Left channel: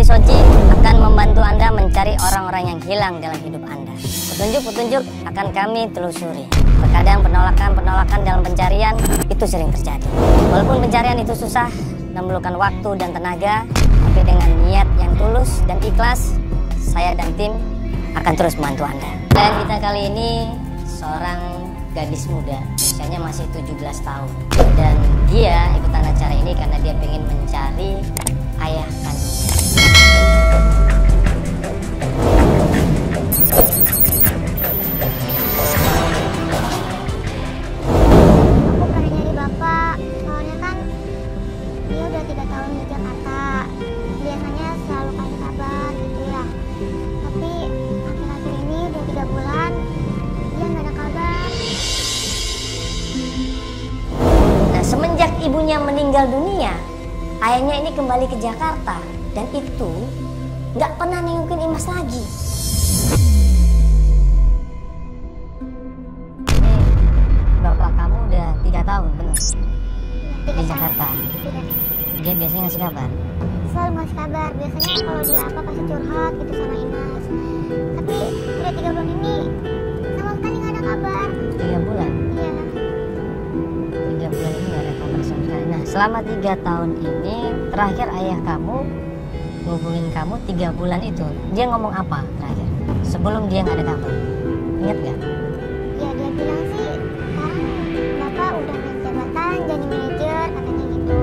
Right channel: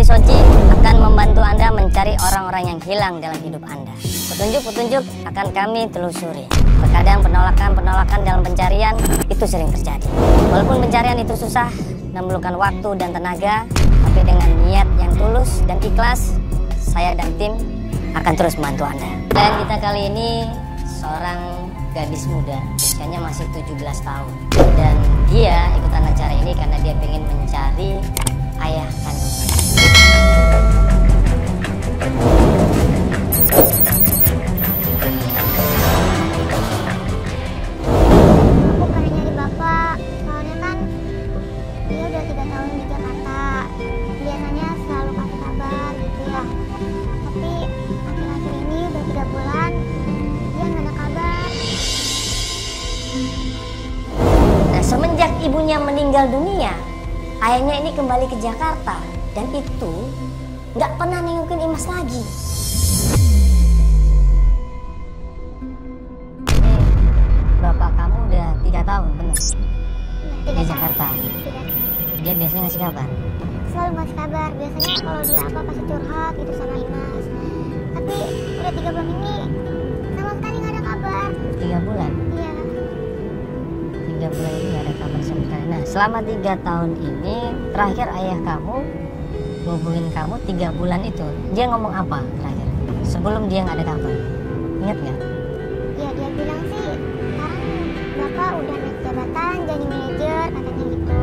Soji akan membantu Anda mencari orang-orang yang hilang dalam hidup Anda. Petunjuk-petunjuk akan kami telusuri. Terkadang penolakan dalam pencarian itu sering terjadi. Walaupun pencarian itu susah, memerlukan waktu dan tenaga, tapi dengan niat yang tulus dan ikhlas, saya dan tim akan terus membantu Anda. Dan kita kali ini seorang gadis muda, usianya masih 17 tahun. Dan dia ikutan acara ini karena dia ingin mencari ayah kandungnya. Semenjak ibunya meninggal dunia, ayahnya ini kembali ke Jakarta dan itu nggak pernah nengokin Imas lagi. Bapak kamu udah 3 tahun, benar? Di Jakarta. Dia biasanya ngasih kabar? Selalu ngasih kabar. Biasanya kalau dia apa pasti curhat gitu sama Imas. Tapi udah 3 bulan ini sama sekali nggak ada kabar. 3 bulan? Iya. 3 bulan ini gak ada kabar sama sekali. Nah, selama 3 tahun ini terakhir ayah kamu hubungin kamu 3 bulan itu, dia ngomong apa terakhir? Sebelum dia gak ada kabar, ingat gak? Iya, dia bilang sih sekarang Bapak udah naik jabatan jadi manajer, katanya gitu.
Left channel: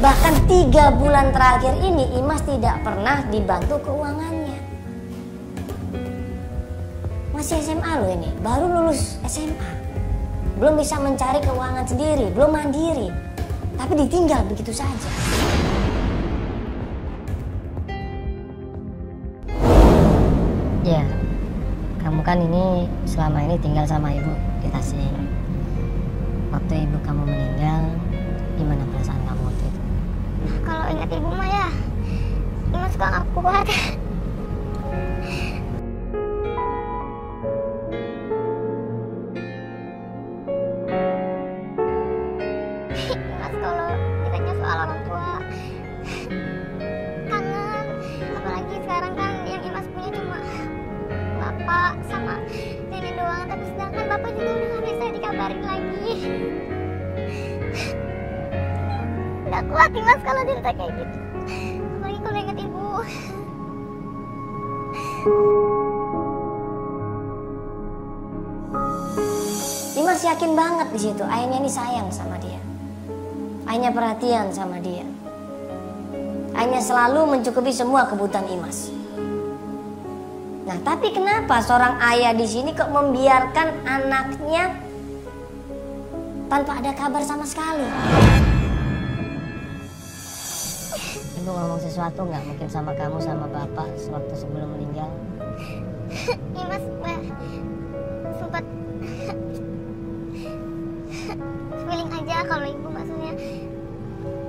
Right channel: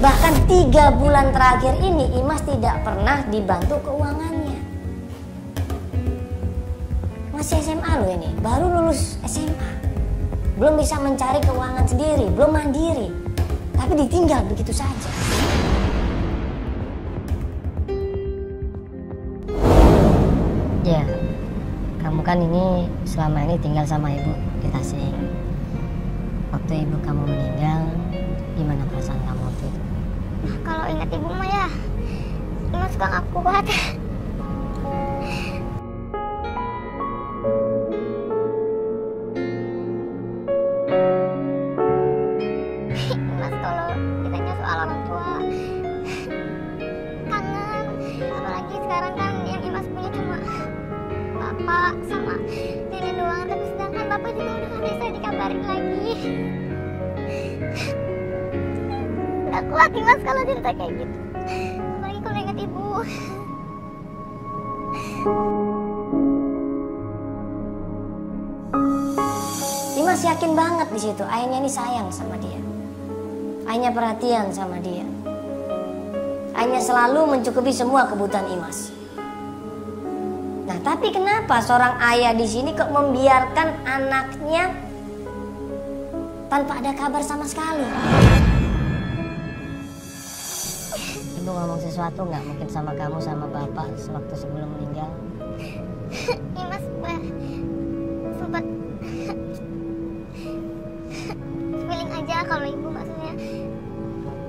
Bahkan 3 bulan terakhir ini Imas tidak pernah dibantu keuangannya. Masih SMA loh ini, baru lulus SMA, belum bisa mencari keuangan sendiri, belum mandiri, tapi ditinggal begitu saja. Ya, kamu kan ini selama ini tinggal sama ibu di Tasik. Waktu ibu kamu meninggal, gimana perasaan kamu waktu itu? Kalau ingat ibu mah ya, Imas suka nggak kuat. Udah kuat Imas kalau cerita kayak gitu. Apalagi kalau ingat ibu. Imas yakin banget di situ ayahnya ini sayang sama dia. Ayahnya perhatian sama dia. Ayahnya selalu mencukupi semua kebutuhan Imas. Nah, tapi kenapa seorang ayah di sini kok membiarkan anaknya tanpa ada kabar sama sekali? Ibu ngomong sesuatu nggak mungkin sama kamu sama bapak waktu sebelum meninggal? Imas sempat feeling aja kalau ibu maksudnya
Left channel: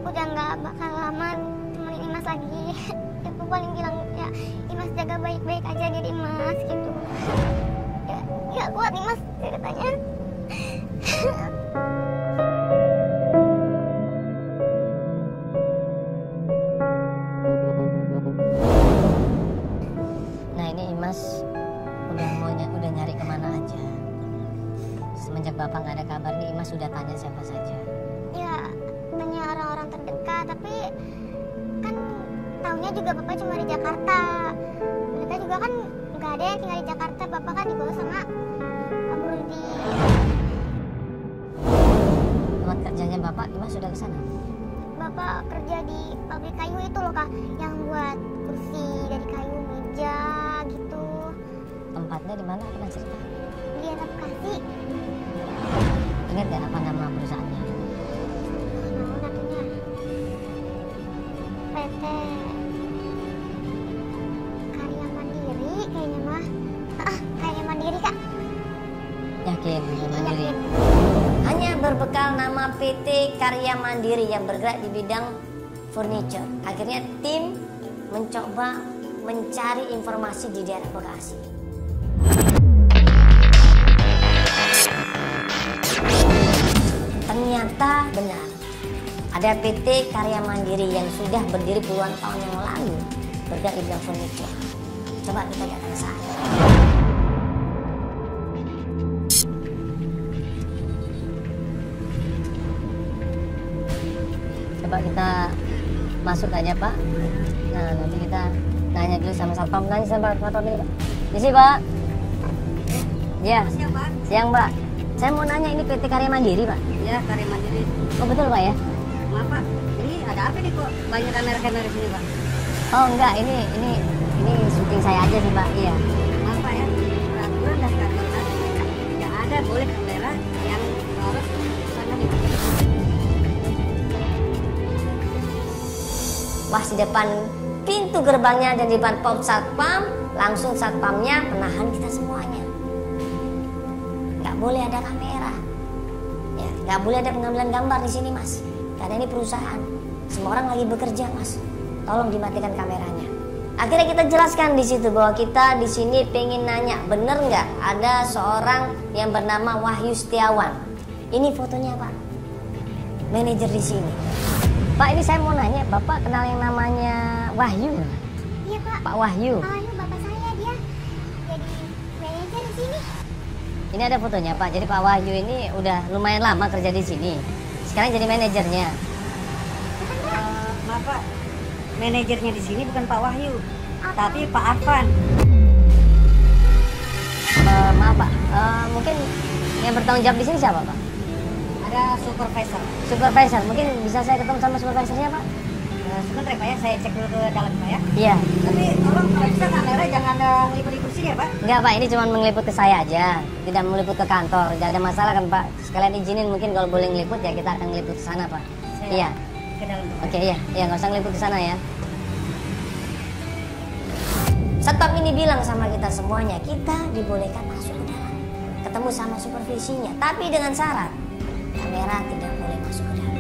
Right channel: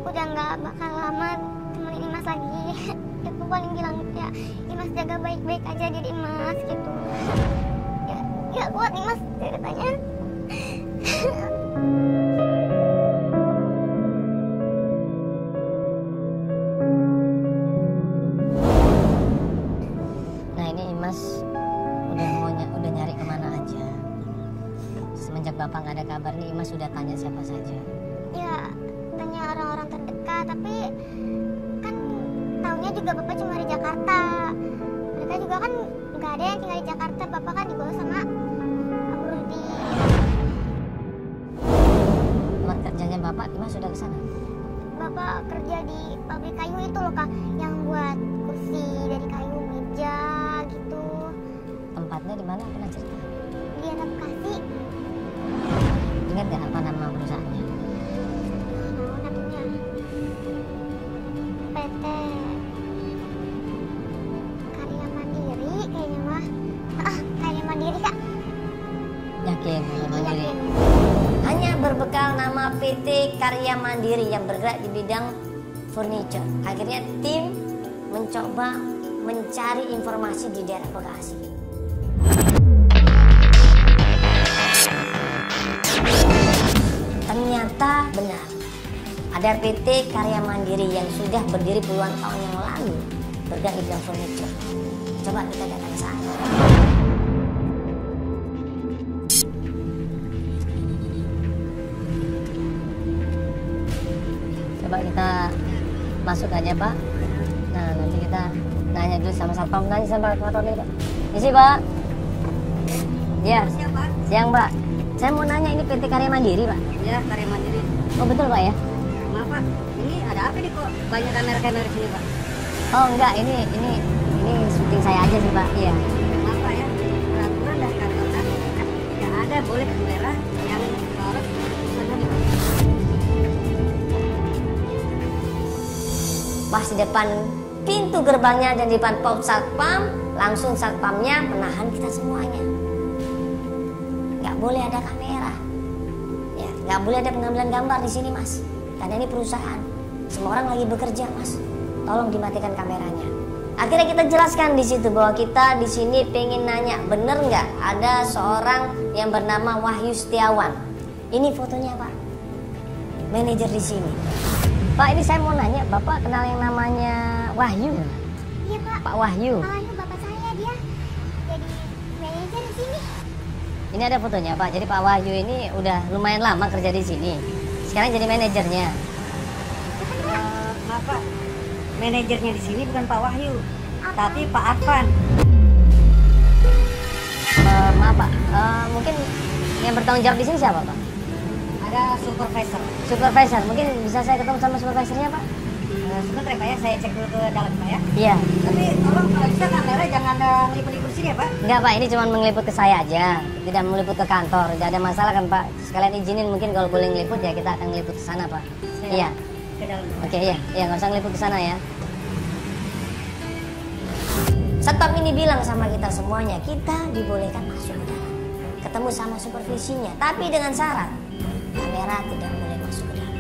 udah nggak bakal lama temuin Imas lagi. Ibu paling bilang ya Imas jaga baik-baik aja jadi Imas gitu. Ya kuat Imas ceritanya. Bapak nggak ada kabar nih, Imas sudah tanya siapa saja? Ya, tanya orang-orang terdekat, tapi kan taunya juga Bapak cuma di Jakarta. Mereka juga kan nggak ada yang tinggal di Jakarta, Bapak kan dibawa sama Murti. Buat kerjanya Bapak, Imas sudah di sana? Bapak kerja di pabrik kayu itu loh Kak, yang buat kursi dari kayu, meja gitu. Tempatnya di mana? Pernah cerita? Di Bekasi. Ingat gak apa nama perusahaannya? PT Karya Mandiri kayaknya mah. Karya Mandiri Kak. Yakin Mandiri? Hanya berbekal nama PT Karya Mandiri yang bergerak di bidang Furniture. Akhirnya tim mencoba mencari informasi di daerah Bekasi. Ternyata benar, ada PT Karya Mandiri yang sudah berdiri puluhan tahun yang lalu bergerak di bidang furniture. Coba kita datang ke sana. Coba kita masuk aja Pak. Nah nanti kita nanya dulu sama satpam. Nanya sambil foto nih Pak. Di sini Pak. Ya. Siang Pak. Siang Pak. Saya mau nanya ini PT Karya Mandiri Pak. Ya, Karya Mandiri. Oh betul Pak ya? Bapak, ini ada apa nih kok? Banyak kamera-kamera sini Pak. Oh enggak, ini syuting saya aja sih Pak. Iya. Bapak ya, peraturan dari kantor kan tidak ada boleh kamera yang harus Pas di depan pintu gerbangnya dan di depan pom satpam, langsung satpamnya menahan kita semuanya. Nggak boleh ada kamera, ya, nggak boleh ada pengambilan gambar di sini Mas. Karena ini perusahaan, semua orang lagi bekerja Mas. Tolong dimatikan kameranya. Akhirnya kita jelaskan di situ bahwa kita di sini pengen nanya, bener nggak ada seorang yang bernama Wahyu Setiawan? Ini fotonya Pak, manajer di sini. Pak, ini saya mau nanya, Bapak kenal yang namanya Wahyu? Iya Pak. Pak Wahyu. Oh, ini bapak saya, dia jadi manajer di sini. Ini ada fotonya Pak. Jadi Pak Wahyu ini udah lumayan lama kerja di sini. Sekarang jadi manajernya. Bapak, manajernya di sini bukan Pak Wahyu, tapi Pak Arfan. Maaf Pak, mungkin yang bertanggung jawab di sini siapa Pak? Ada supervisor. Supervisor. Mungkin bisa saya ketemu sama supervisornya Pak? Sebentar Pak ya, saya cek dulu dalam ya. Iya. Tapi tolong kalau bisa kamera jangan meliput-liput sini ya Pak. Enggak Pak, ini cuma mengeliput ke saya aja. Tidak meliput ke kantor. Tidak ada masalah kan Pak? Sekalian izinin mungkin kalau boleh ngeliput ya kita akan ngeliput ke sana Pak. Iya. Oke ya, ya nggak usah ngeliput ke sana ya. Satpam ini bilang sama kita semuanya, kita dibolehkan masuk ke dalam, ketemu sama supervisinya, tapi dengan syarat kamera tidak boleh masuk ke dalam.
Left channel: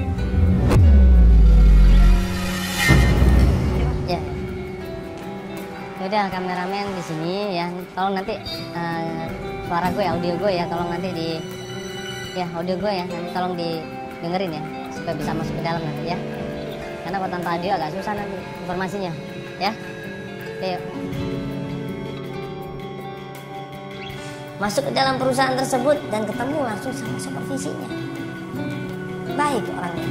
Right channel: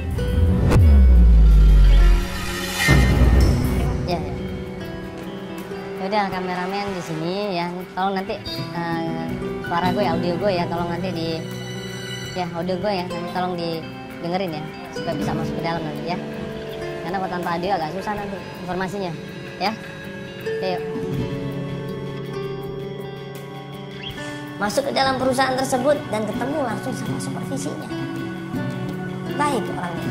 Ya, udah kameramen di sini ya, tolong nanti suara gue, audio gue ya, tolong nanti di ya audio gue ya, nanti tolong didengerin ya, supaya bisa masuk ke dalam nanti ya. Karena kalau tanpa audio agak susah nanti informasinya, ya. Ayo. Masuk ke dalam perusahaan tersebut dan ketemu langsung sama supervisinya. Baik orangnya.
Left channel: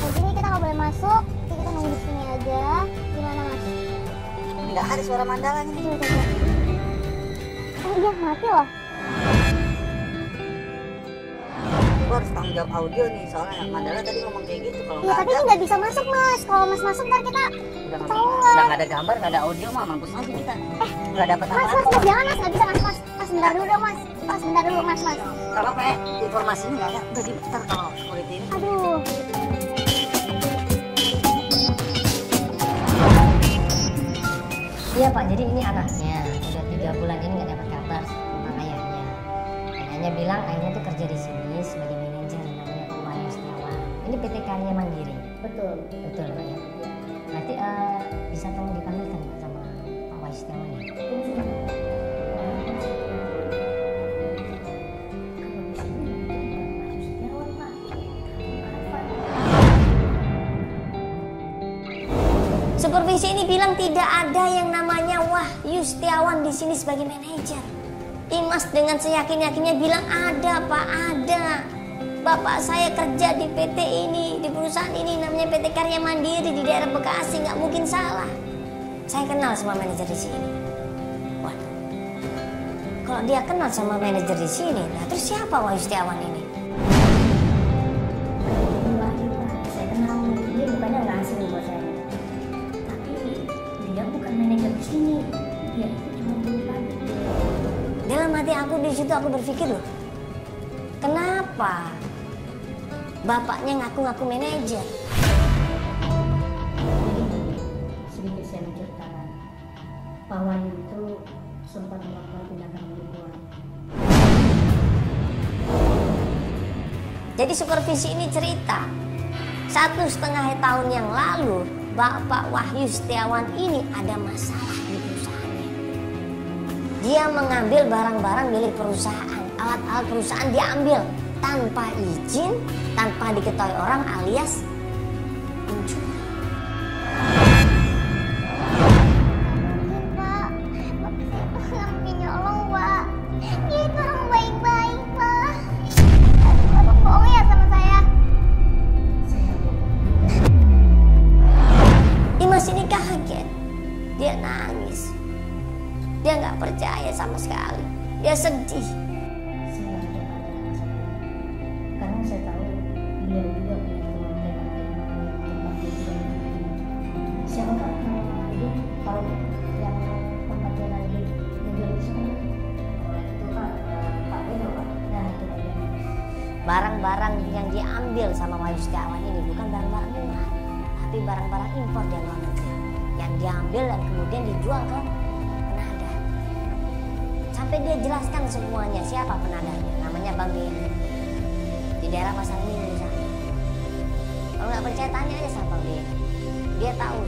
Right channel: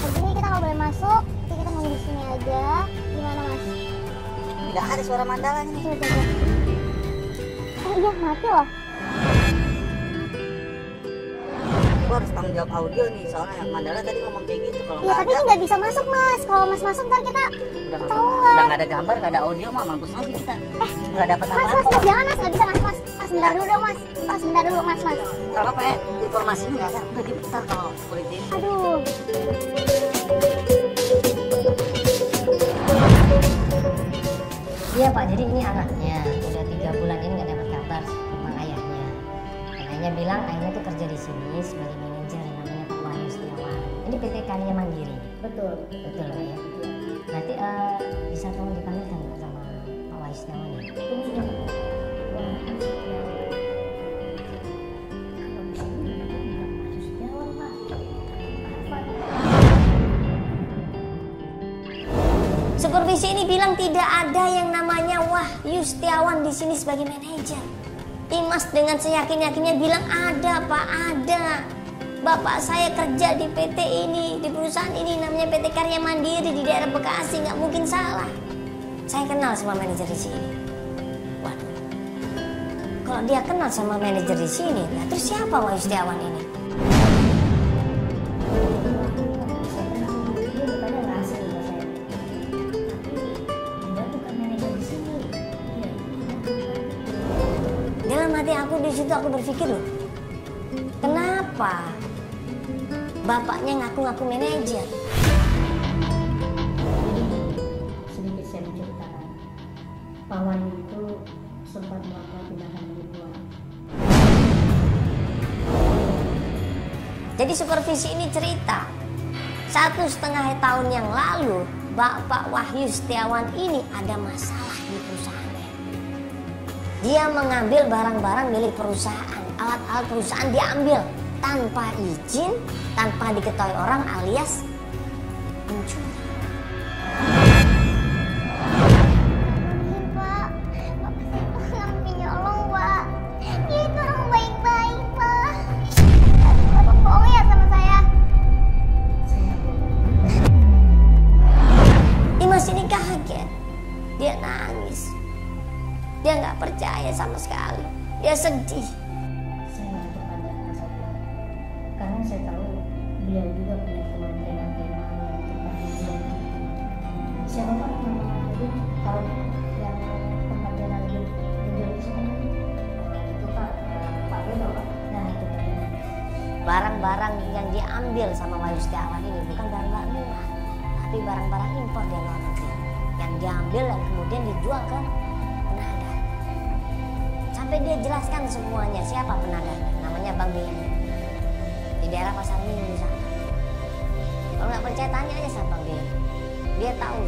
Jadi kita nggak boleh masuk, nanti kita nunggu di sini aja. Gimana Mas? Tidak ada suara mandangan ini. Oh iya, mati loh. Gue harus tanggung jawab audio nih, soalnya Mandala tadi ngomong kayak gitu. Kalau Ya, tapi kan nggak bisa masuk Mas. Kalau Mas masuk kan kita udah ketahuan. nggak ada gambar, nggak ada audio, mah mampus aja kita. Nggak dapat Mas, apa-apa. Mas, jangan Mas, nggak bisa masuk Mas. Mas, bentar dulu dong Mas. Mas, bentar dulu Mas. Kalau kayak informasinya nggak ya, masih besar kalau politik. Aduh. Iya Pak, jadi ini anaknya udah 3 bulan ini nggak dapat kabar sama ayahnya. Ayahnya bilang ayahnya tuh kerja di sini sebagai manajer namanya Pak Wahyu Setiawan. Ini PT Karya Mandiri. Betul. Betul Pak ya. Nanti bisa tolong dipanggilkan sama Pak Wahyu Setiawan. Supervisi ini bilang tidak ada yang namanya Wahyu Setiawan di sini sebagai manajer. Imas dengan seyakin-yakinnya bilang ada Pak, ada. Bapak saya kerja di PT ini, di perusahaan ini namanya PT Karya Mandiri di daerah Bekasi, nggak mungkin salah. Saya kenal sama manajer di sini. Waduh, kalau dia kenal sama manajer di sini, nah terus siapa Wahyu Setiawan ini? Saya kenal dia bukannya nggak asing buat saya. Dia bukan manajer di sini. Dia itu cuma dalam hati aku di situ aku berpikir loh, kenapa bapaknya ngaku-ngaku manajer? Sedikit saya menceritakan, paman itu Peneliti supervisi ini cerita 1,5 tahun yang lalu Bapak Wahyu Setiawan ini ada masalah di perusahaan. Dia mengambil barang-barang milik perusahaan, alat-alat perusahaan diambil tanpa izin, tanpa diketahui orang alias mencuri. Dia nangis, dia nggak percaya sama sekali, dia sedih. Karena saya tahu beliau juga punya keluarga yang tempat siapa yang nanti kalau tempatnya nanti barang-barang yang diambil sama Wahyu Setiawan ini bukan barang-barang Tuhan, tapi barang-barang impor dari luar negeri yang diambil dan kemudian dijual ke penadah. Sampai dia jelaskan semuanya siapa penadah, namanya Bang Benny di daerah Pasar Minggu sana. Kalau nggak percaya tanya aja sama Bang Benny, dia tahu